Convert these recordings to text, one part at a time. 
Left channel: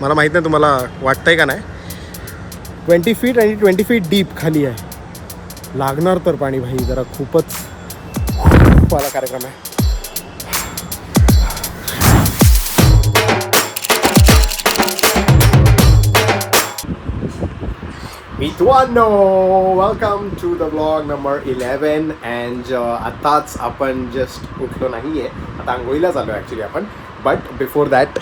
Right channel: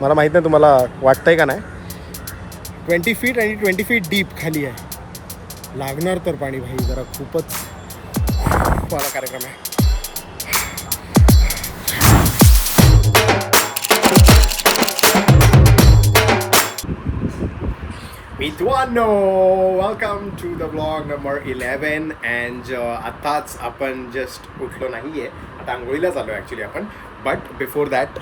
मला माहीत नाही तुम्हाला वाटतंय का नाही. 20 फीट आणि 20 फीट डीप खाली आहे. लागणार तर पाणी भाई, जरा खूपच वाला कार्यक्रम आहे. मित्रांनो, welcome to the blog number 11. And आत्ताच आपण जस्ट उठलो नाही आहे, आता आंघोळीला चाललो आहे ॲक्च्युली आपण. But before that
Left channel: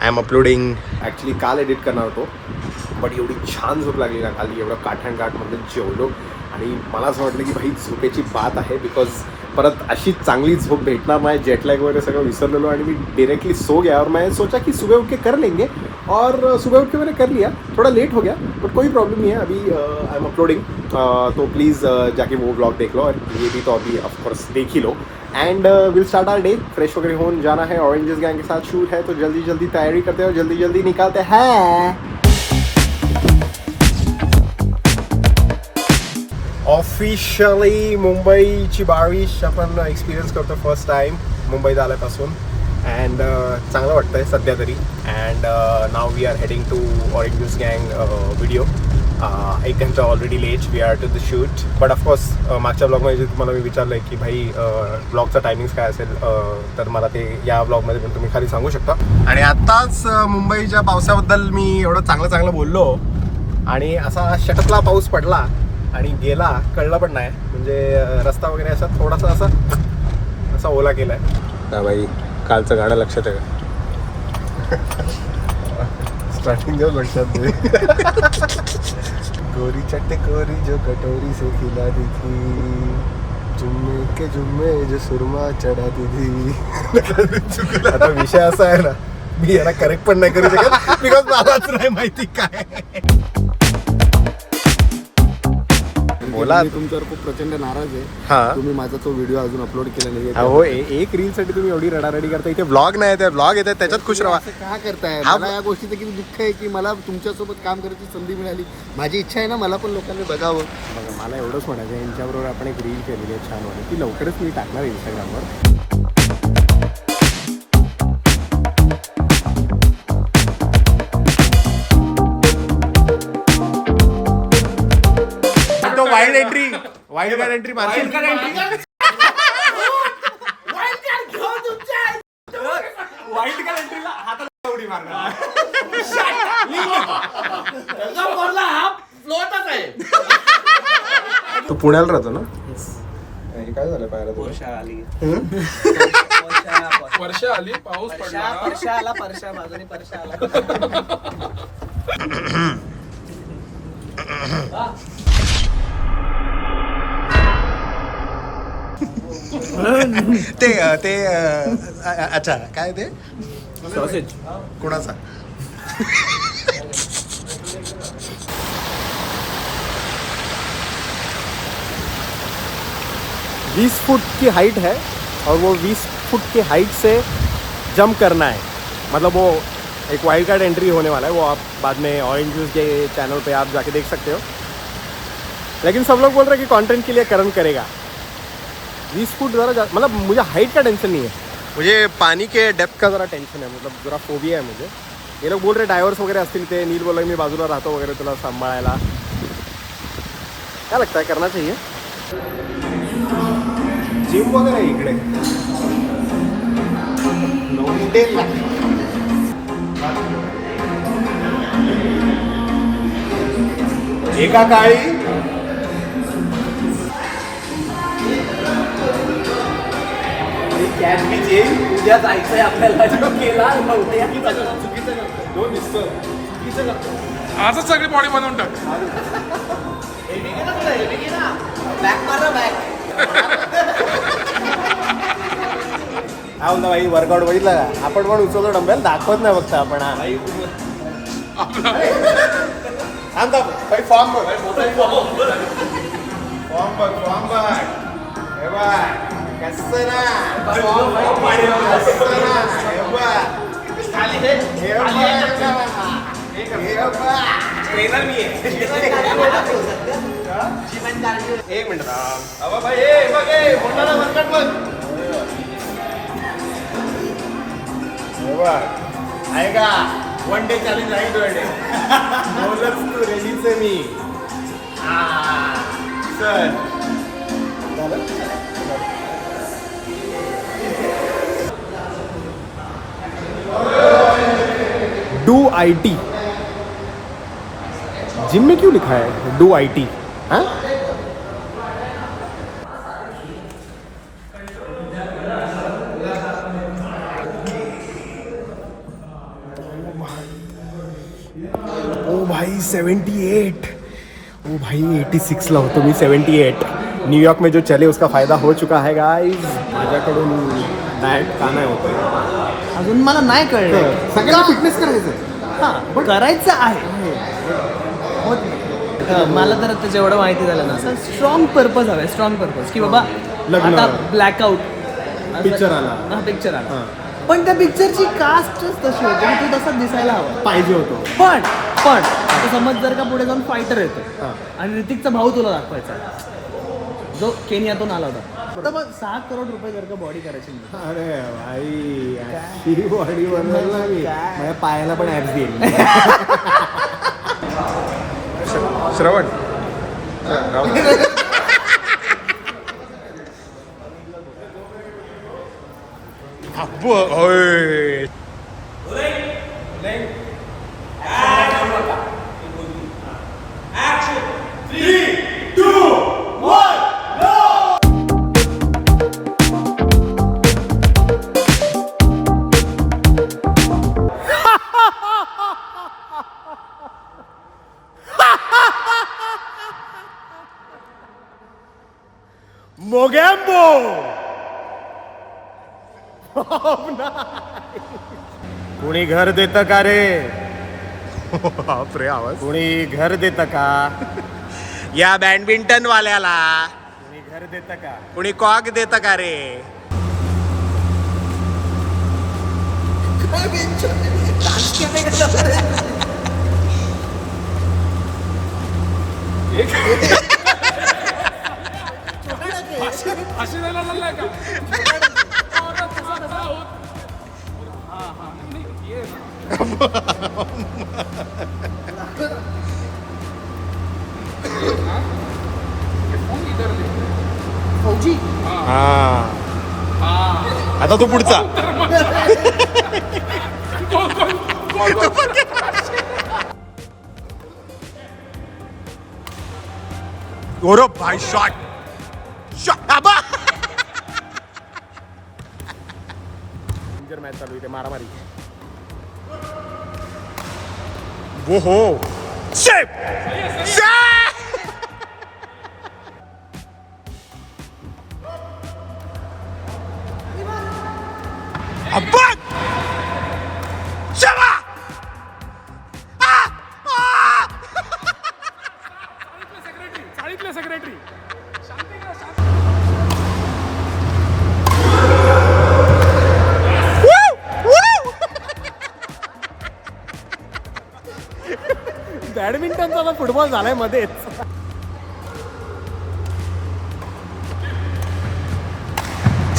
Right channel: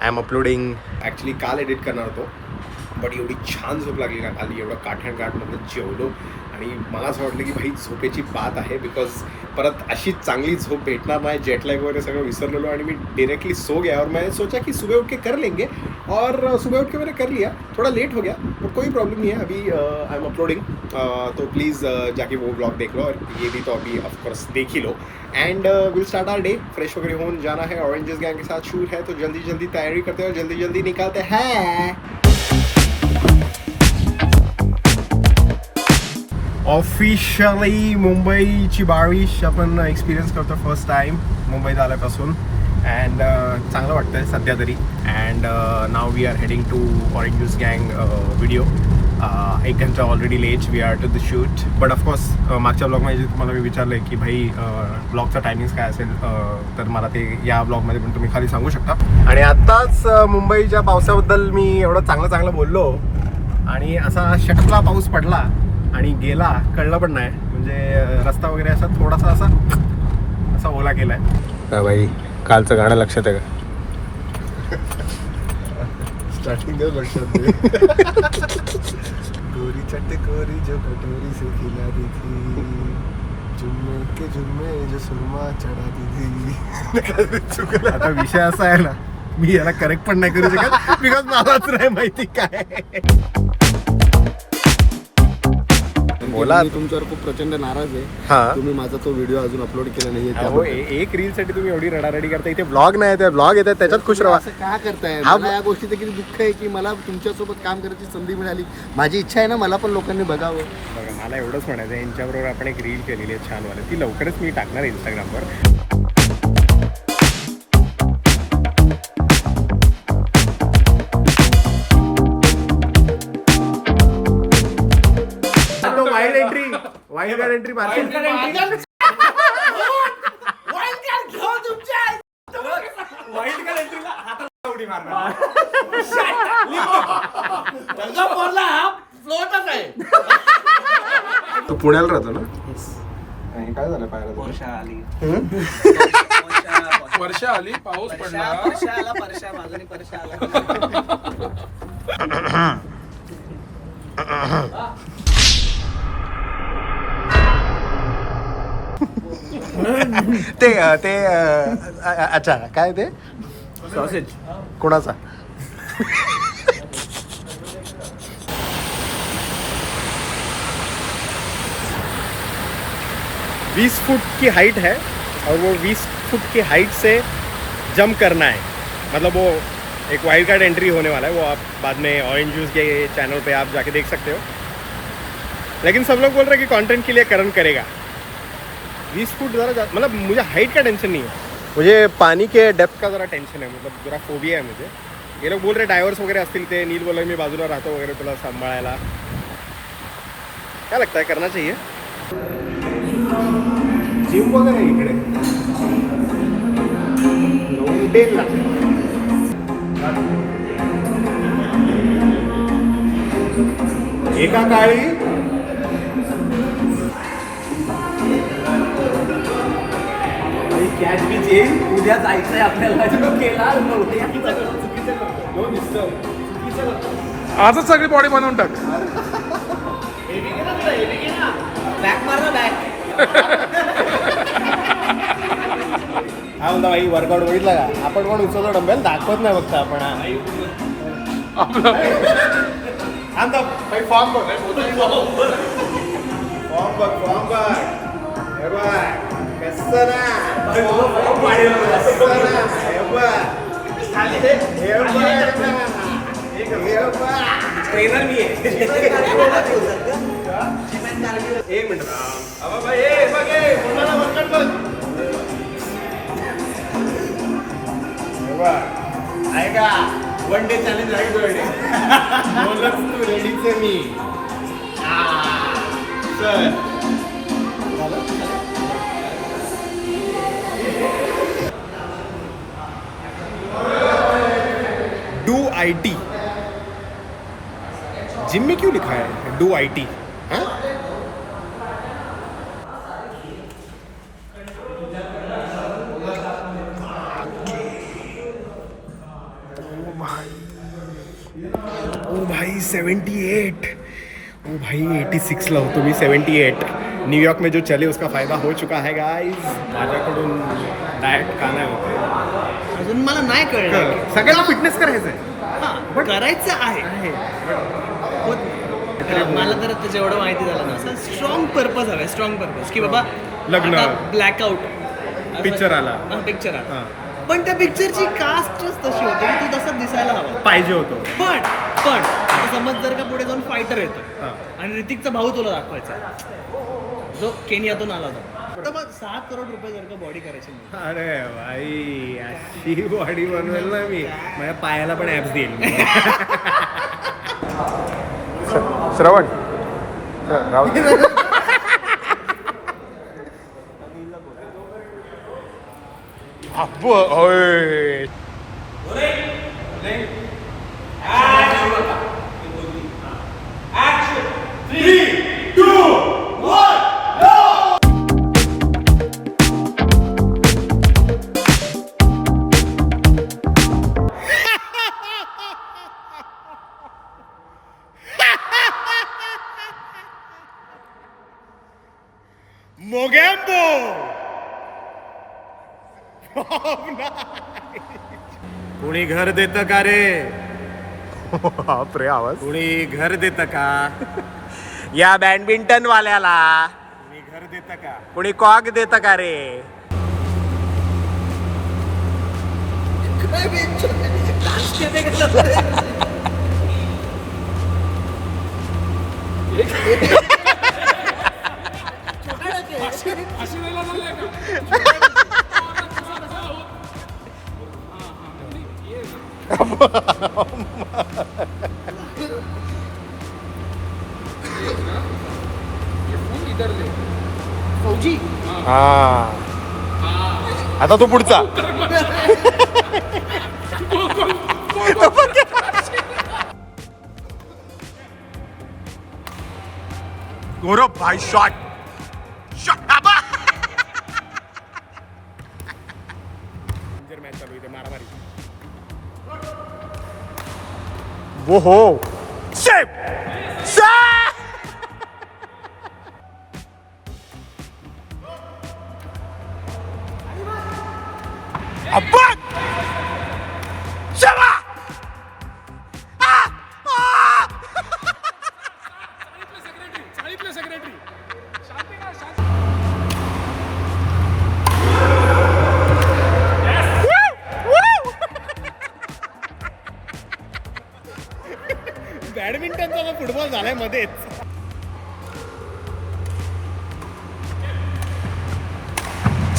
I am uploading. Actually काल एडिट करणार होतो, बट एवढी छान झोप लागली ना काल, एवढं काठमध्ये जेवलो. आणि मला असं वाटलं की भाई झोपेची बात आहे, बिकॉज परत अशी चांगली झोप भेटणार नाही. जेटलॅग वगैरे सगळं विसरलेलो आणि मी डायरेक्टली सो गया. और मैं सोचा कि सुबह उठ के कर लेंगे, और सुबह उठ के मैंने कर लिया. थोड़ा लेट हो गया बट कोई प्रॉब्लम नहीं है. अभी आई एम अपलोडिंग, तो प्लीज़ जाके वो ब्लॉग देख लो, और ये भी तो अभी ऑफकोर्स देख ही लो. And will start our day. Fresh वगैरह होने जाना है, ऑरेंजेस गैंग के साथ शूट है, तो जल्दी जल्दी तैयारी करते हैं और जल्दी जल्दी निकलते हैं. ऑफिशियली मुंबईची 22 आपण एक्सपिरियन्स करतो फर्स्ट टाईम मुंबईत आल्यापासून. अँड चांगलं वाटतं आहे सध्या तरी. And now we are heading to orange juice गँग व्हिडिओ. 1 घंटा already late we are to the shoot. But of course मागच्या ब्लॉगमध्ये तुम्हाला मी विचारलं आहे की भाई ब्लॉगचा टायमिंग्स काय असेल, तर मला ते या ब्लॉगमध्ये पण तुम्ही खाली सांगू शकता. आणि आत्ताच मुंबईच्या पावसाबद्दल मी एवढं चांगलं बोललो, आणि असा शटकला पाऊस पडला आणि गेला, कळलं पण नाही. म्हणजे रस्ता वगैरे असा थोडासा असा ओला केला आहे. भाई कालचं गाणं लक्षात आहे का? स्टार्टिंगच लक्षात दे. गोरी चटकोरी जो कटोरी से खिलाती थी, जुम्मे के जुम्मे जो सुरमा चढ़ाती थी. आता विषय असा आहे ना, मी याला करेक्ट पण नाही करू शकत, बिकॉज मलाच नाही माहिती काय. बोला. मी तुमच्यावर खूप प्रचंड नाराज आहे. हा, तुम्ही माझा तो व्हिडिओ अजून अपलोड केला नाहीये. अहो एक रील साठी तुम्ही एवढी रडारडी करता. इथे ब्लॉग नाही, ते ब्लॉग येतात त्याच्यात खुश राहा. असं का करताय? हा, मला या गोष्टीचं किती दुःख आहे की मला तुमच्यासोबत काम करायची संधी मिळाली. माझी इच्छा आहे ना, मला पण लोकांनी बघावं. बघा, मला एवढंच म्हणायचं आहे, यांच्याबरोबर आपण एक रील केलेली आहे छानवाली, ती लवकरच मी टाकणार इंस्टाग्रामवर. Wild card entry market. तू पुण्याला राहतो ना? हे काय झालं पाहिलं तुला? वर्षा आली, पाऊस पडला. ते अच्छा, काय ते सॉसेज कोणाचा? 20 फुट की हाइट है, और वो 20 फुट की हाइट से जंप करना है. मतलब वो एक वाइल्ड कार्ड एंट्री होने वाला है, वो आप बाद में ऑरेंज जूस के चैनल पे आप जाके देख सकते हो. लेकिन सब लोग बोल रहे हैं कि कंटेंट के लिए करण करेगा. 20 फुट ज़रा, मतलब मुझे हाइट का टेंशन नहीं है, मुझे पानी के डेप्थ का ज़रा टेंशन है. मतलब ज़रा फोबिया है मुझे. ये लोग बोल रहे डायवर्स वगैरे असतील, ते नील बोला मी बाजूला राहतो वगैरे तुला सांभाळायला. क्या लगता है, करना चाहिए? जिम वगैरे आहे इकडे. एका काळी कॅच बीच येईल. उद्या जायचंय आपल्याला. जो केला चुकीचं आजच सगळी बॉडी बनवून टाक. हा म्हणता भाई, वर्कआउट बघितला का? आपण पण उचलतो डंबेल, दाखवत नाही फक्त आपण. फॉर्म बघ. ट्रेनर मी आहे. एक मिनिट. आहे का? वन डे चॅलेंज आहे तुझ्याकडे. बोलच तू रेडीच आहे मी. चल. Do IT. जिम में क्यों लिखा है डू IT? हाँ? ओ भाई 78. ओ भाई 86 ला होतो मी. 78. न्यूयॉर्क में जो चले उसका फायदा हो चुका है गाइस. माझ्याकडून डाएट का नाही होत. अजून मला नाही कळलं. सगळ्यांना फिटनेस करायचं आहे. हा, करायचं आहे. मला तर आता जेवढं माहिती झालं ना, असं स्ट्रॉंग पर्पज हवं. स्ट्रॉंग पर्पज की बाबा लग्न. ब्लॅकआउट पिक्चर आला. पिक्चर आला. हा. पण त्या पिक्चरची कास्टच तशी होती की तू तसा दिसायला हवा. पाहिजे होतो. पण आता समज जर का पुढे जाऊन फायटर येतो हा. आणि ऋतिकचा भाऊ तुला दाखवायचा जो केनियातून आला होता. आता मग 7 करोड रुपये जर का बॉडी करायची नाही. अरे भाई अशी बॉडी बनवेल ना मी. माझ्या पायाला पण ऍप्स देईल. श्रवण मोगॅम्बो. कुणी घर देतं का रे? बापरे आवाज. कुणी घर देतं का या बॅडमिंटन वाल्याला? कुणी घर देतं का? कुणी कॉक देतं का रे? अशी वेळेला लागलाय का? फौजी हा. आता तो पुढचा. गौरव भाई शॉट. मॅच चालू इथे मारामारी. वो हो शेप. अब्बा चला. चाळीतले सेक्रेटरी. बॅडमिंटनचा फुटबॉल झालाय मध्येच.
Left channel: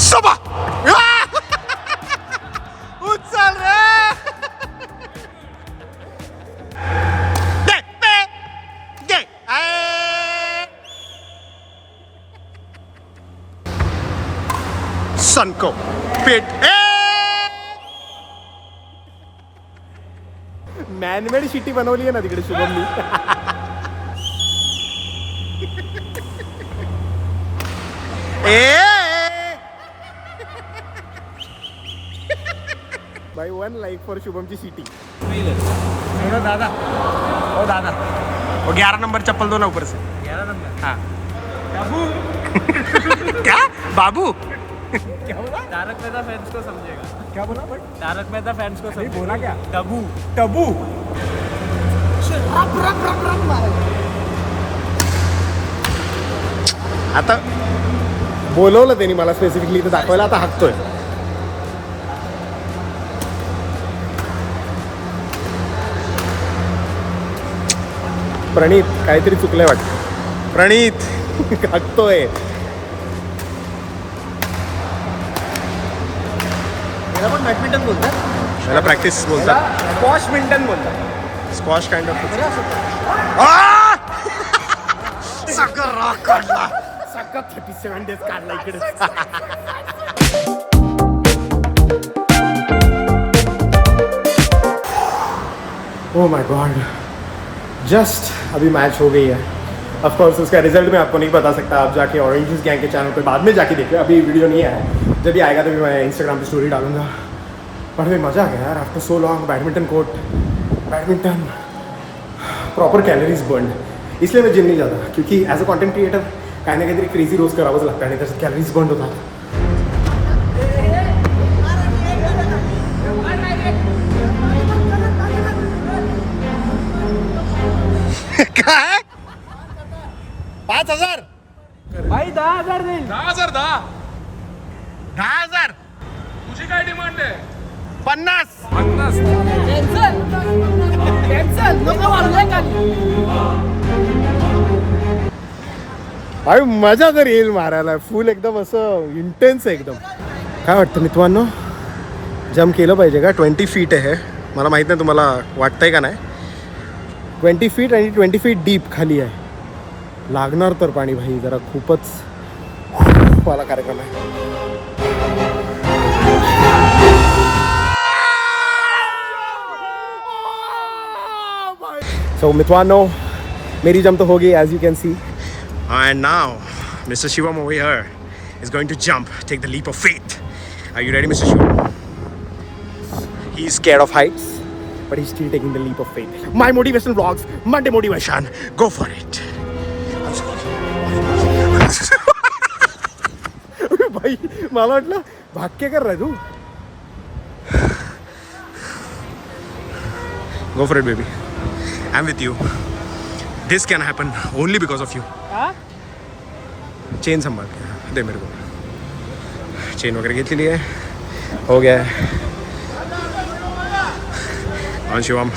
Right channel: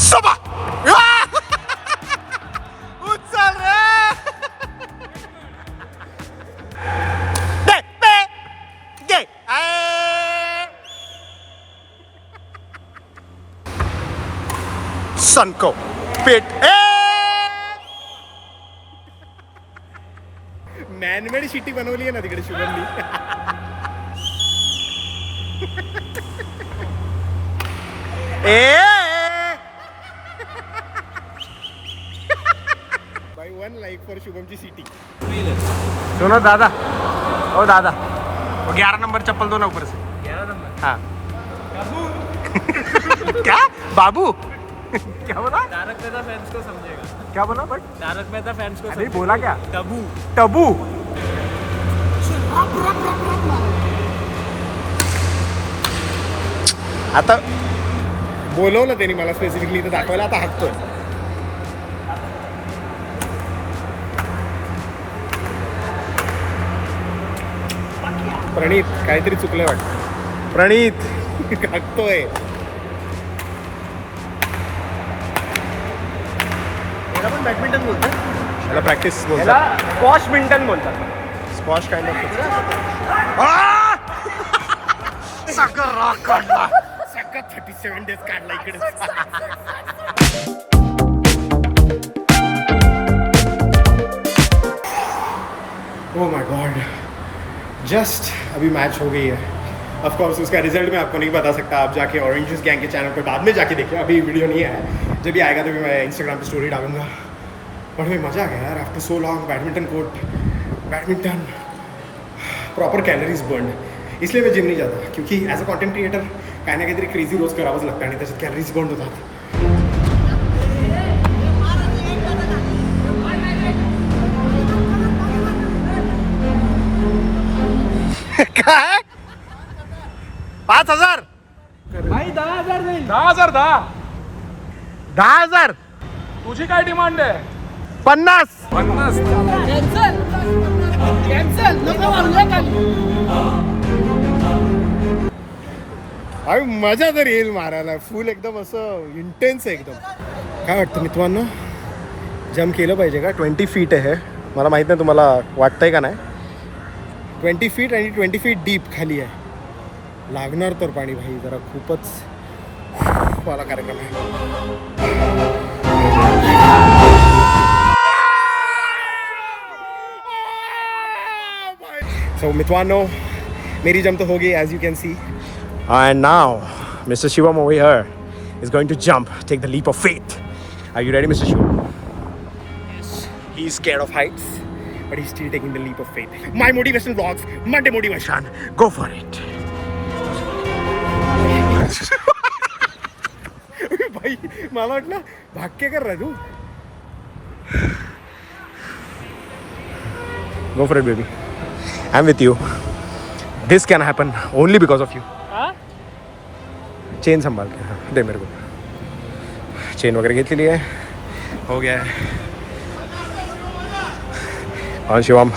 सभा उचल रे. दे दे दे. सनको पेट. मॅनमेड सिटी बनवली आहे ना तिकडे शुभमनी. भाई 1 लाइक फॉर शुभमची सिटी. सुनो दादा. ओ दादा वो 11 नंबर चप्पल दो ना ऊपर से. 11 नंबर. हाँ. क्या बाबू? क्या बोला? तारक मेहता फैंस को समझेगा. क्या बोला? बट तारक मेहता फैंस को अरे बोला क्या? टबू. टबू. आता बोलवलं त्यांनी मला स्पेसिफिकली इथं दाखवायला. आता हाकतोय. प्रणीत काहीतरी चुकलंय वाटतं. प्रणीत हाकतोय. बॅडमिंटन बोलतो. याला प्रॅक्टिस बोलतात. बॅडमिंटन बोलतो. Squash kind of. सगळं रॉक काढला. सगळं 37 डेज काढला इकडे. ओह माय गॉड, जस्ट अभी मैच हो गई है. ऑफ कोर्स उसका रिजल्ट मैं आपको नहीं बता सकता. आप जाके ऑरेंज जूस गैंग के चैनल पे बाद में जाके देखिए. अभी वीडियो नहीं आया है. जब भी आएगा तो भी मैं इंस्टाग्राम पे स्टोरी डालूंगा. पर भाई मज़ा आ गया यार. After so long badminton court, badminton, proper calories burn. इसलिए मैं जिम नहीं जाता, क्योंकि ॲज अ कॉन्टेंट क्रिएटर काही ना काहीतरी क्रेझी रोज करावंच लागतं आणि त्याच्यात कॅलरीज बर्न होतात. काय 5,000 भाई 10,000 नाही. 10,000 10. 10,000 तुझी काय डिमांड आहे? 50. 50. कॅन्सल नको मारले खाली. अरे मजा तर येईल मारायला. फुल एकदम असं इंटेन्स आहे एकदम. काय वाटतं मित्रांनो, जम केलं पाहिजे का? 20 फीट आहे. मला माहीत नाही तुम्हाला वाटतंय का नाही. 20 फीट आणि 20 फीट डीप खाली आहे. लागणार तर पाणी भाई, जरा खूपच वाला कार्यक्रम आहे. सो मित्रांनो, मेरी जम तो हो गई as you can see. And now, Mr. Shivam over here is going to jump, take the leap of faith. Are you ready, Mr. Shivam? He's scared of heights, but he's still taking the leap of faith. My motivational vlogs, Monday motivation. Go for it. भाई मला वाटलं भाग्य कर रहा है तू. Go for it, baby. I'm with you. This can happen only because of you. Chain संभाल के. हाँ दे मेरे को. चेन वगैरह घेतलेली आहे. हो गया है. और Shivam,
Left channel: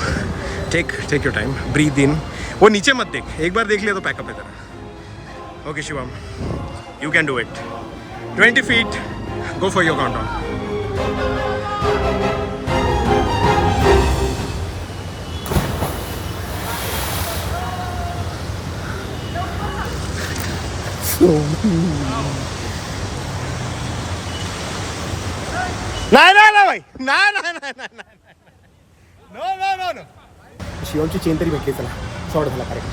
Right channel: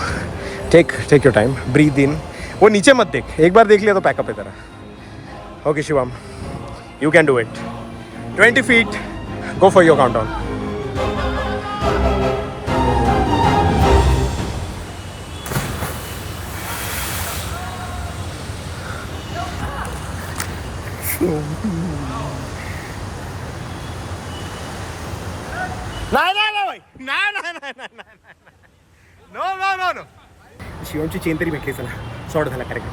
take your time, breathe in. वो नीचे मत देख, एक बार देख लिया तो पैकअप है तेरा. Okay Shivam, you can do it. 20 feet, go for your countdown. नाही भाई, नाही. नो. शिवमची चेन तरी भेटली. चला, सॉर्ट झाला कार्यक्रम.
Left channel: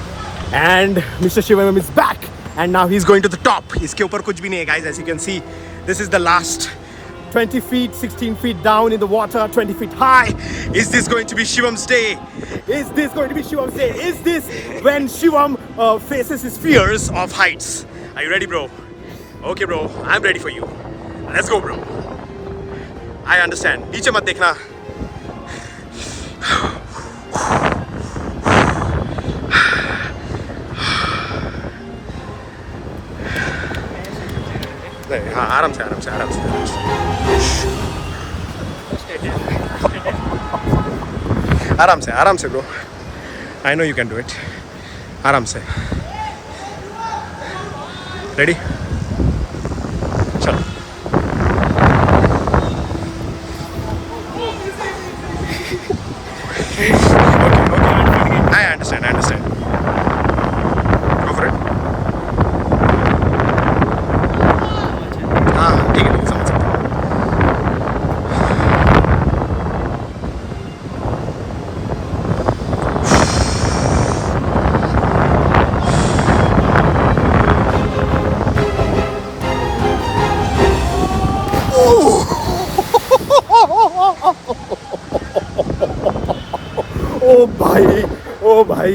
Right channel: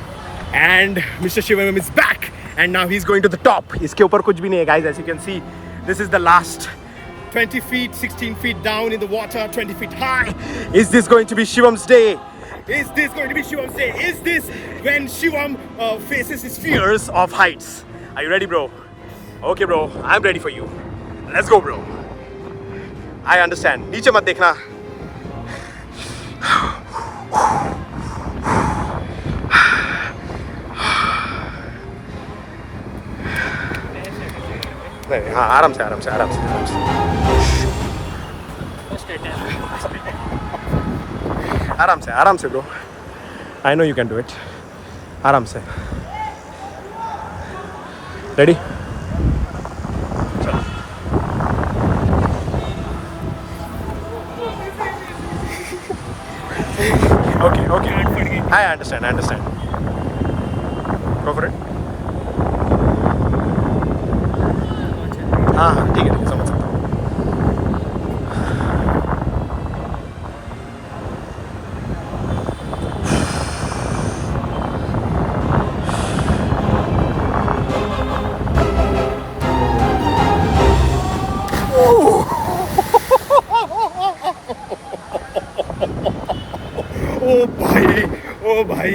And mister Shivam is back and now he is going to the top. इसके ऊपर कुछ भी नहीं है guys. As you can see, this is the last 20 feet, 16 feet down in the water, 20 feet high. Is this going to be Shivam's day? Is this going to be Shivam's day? Is this when Shivam faces his fears of heights? Are you ready, bro? Okay, bro. I'm ready for you. Let's go, bro. I understand. नीचे मत देखना. नहीं, हाँ आराम से. आराम से bro. I know you can do it. आराम से. Ready? चलो. Okay. I understand. Go for it. हाँ ठीक है समझ सकता हूँ. ओ भाई,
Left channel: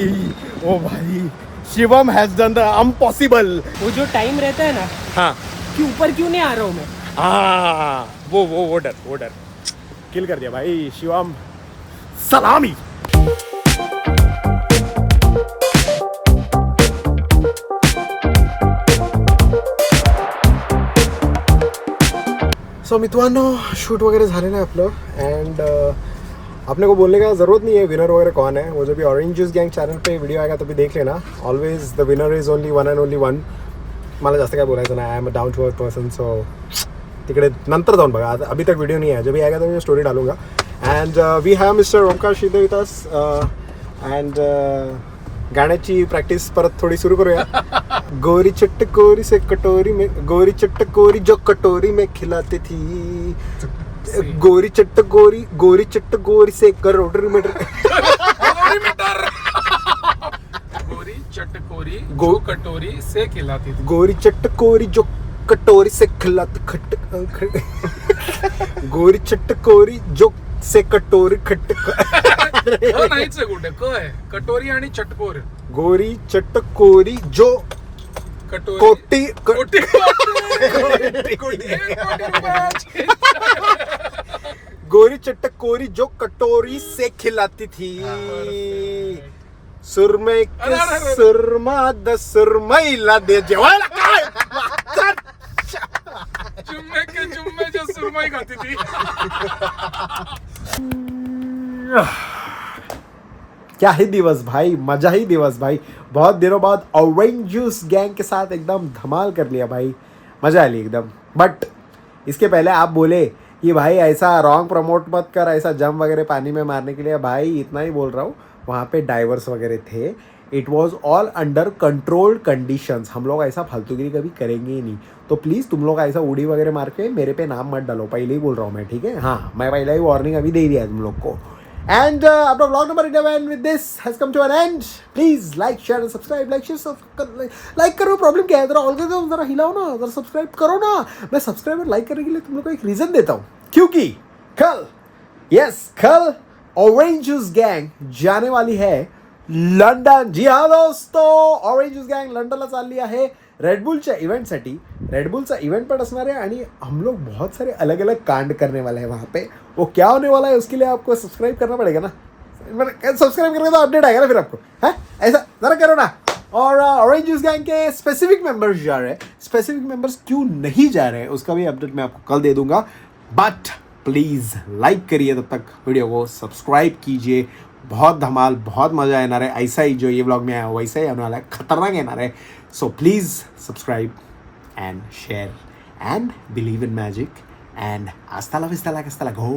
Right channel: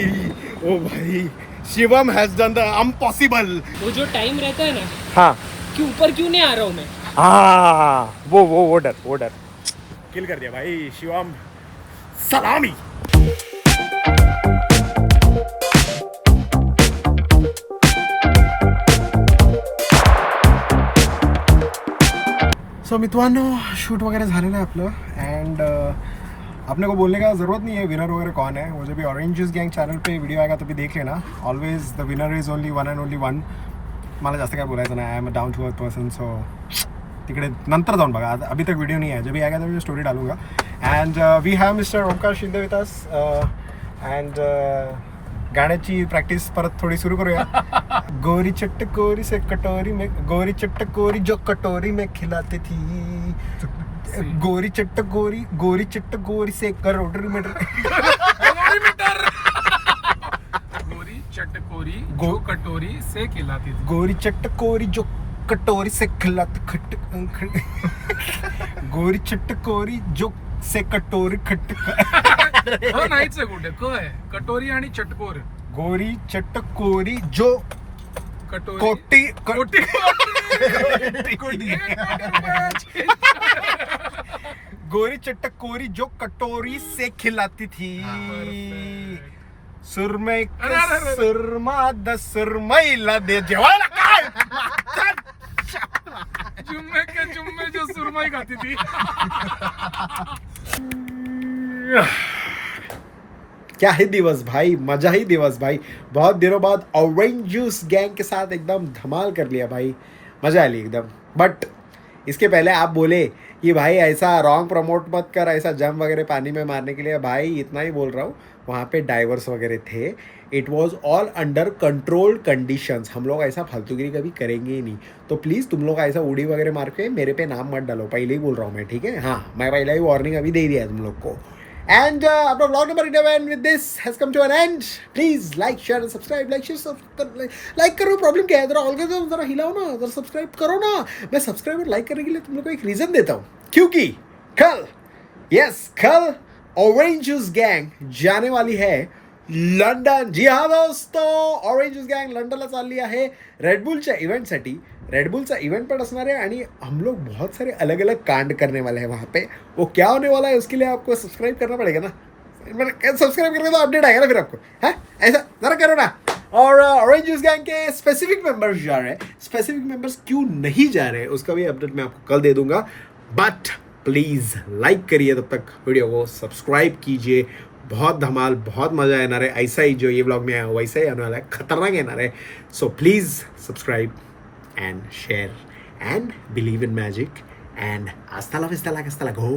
Shivam has done the impossible. वो जो टाइम रहता है ना हाँ कि ऊपर क्यों नहीं आ रहा हूँ मैं. हाँ वो डर किल कर दिया भाई शिवम. सलामी. सो मित्रांनो, शूट वगैरह झालेलं आहे आपलं. अँड अपने को बोलने का ज़रूरत नहीं है विनर वगैरह कौन है. वो जब भी ऑरेंज जूस गैंग चॅनल पे व्हिडिओ आएगा तभी देख लेना. Always the winner is only one and only one. मला जास्त काय बोलायचं नाही. I am a down to earth person. So तिकडे नंतर जाऊन बघा. अभी तक वीडियो नहीं है. जब भी आएगा तो मैं स्टोरी डालूंगा. And we have mister Omkar Shinde with us and गाण्याची प्रॅक्टिस परत थोडी सुरू करूया. गोरी चट्ट कोरी से कटोरी में, गोरी चट्ट कोरी जो कटोरी में खिलाती थी, गोरी चट्ट गोरी से करोड़ मीटर, गोरी चटकोरी जो कटोरी से खिलाती थी. गोरी चट्ट कोरी जो कटोरी से खिलाती गोरी चट्ट कोरी जो से कटोरी खट हो नाहीच आहे कुठे क आहे. कटोरी आणि चटकोर. गोरी चट्ट कोरी जो कटोरी कोटी कोटी गोरी चट्ट कोरी जो कटोरी से खिलाती थी, सुरमई अरे. सुरमा द सुरमईला दे जेवायला काय जुम्मे के जुम्मे जो सुरमई खाती थी. क्या ही दिवस भाई, मजा ही दिवस भाई. बहुत दिनों बाद ऑरेंज जूस गैंग के साथ एकदम धमाल कर लिया भाई, मजा आ ली एकदम. बट इसके पहले आप बोले कि भाई ऐसा रॉन्ग प्रमोट मत कर, ऐसा जम वगैरह पानी में मारने के लिए. भाई इतना ही बोल रहा हूँ, वहाँ पे डाइवर्स वगैरह थे. It was all under controlled conditions. हम लोग ऐसा फालतूगिरी कभी करेंगे ही नहीं. तो प्लीज़ तुम लोग ऐसा उड़ी वगैरह मार के मेरे पे नाम मत डालो, पहले ही बोल रहा हूँ मैं, ठीक है. हाँ, मैं पहले ही वार्निंग अभी दे दिया है तुम लोग को. And Apna vlog number 11 with this has come to an end. Please like, share and subscribe. like करो, प्रॉब्लम क्या है? जरा algorithm जरा हिलाओ ना, जरा सब्सक्राइब करो ना. मैं सब्सक्राइब और लाइक करने के लिए तुम लोग को एक रीज़न देता हूँ, क्योंकि कल ऑरेंज जूस गैंग जाने वाली है लंडन. जी हाँ दोस्तों, ऑरेंज जूस गैंग लंडनला चालली आहे रेडबुलच्या इव्हेंटसाठी. रेडबुलचा इव्हेंट पण असणार आहे आणि हम लोग बहुत सारे अलग अलग कांड करने वाले हैं वहाँ पे. वो क्या होने वाला है उसके लिए आपको सब्सक्राइब करना पड़ेगा ना. सब्सक्राइब करके तो अपडेट आएगा ना फिर आपको. है ऐसा जरा करो ना. और ऑरेंज जूस गैंग के स्पेसिफिक मेंबर्स जा रहे हैं. स्पेसिफिक मेंबर्स क्यों नहीं जा रहे हैं उसका भी अपडेट मैं आपको कल दे दूंगा. बट प्लीज़ लाइक करिए, तब तक वीडियो को सब्सक्राइब कीजिए. बहुत धमाल, बहुत मज़ा येणार आहे. ऐसा ही जो ये व्लॉग में आया वैसा ही आने वाला है, खतरनाक येणार है. So please subscribe and share and believe in magic and hasta la vista la go.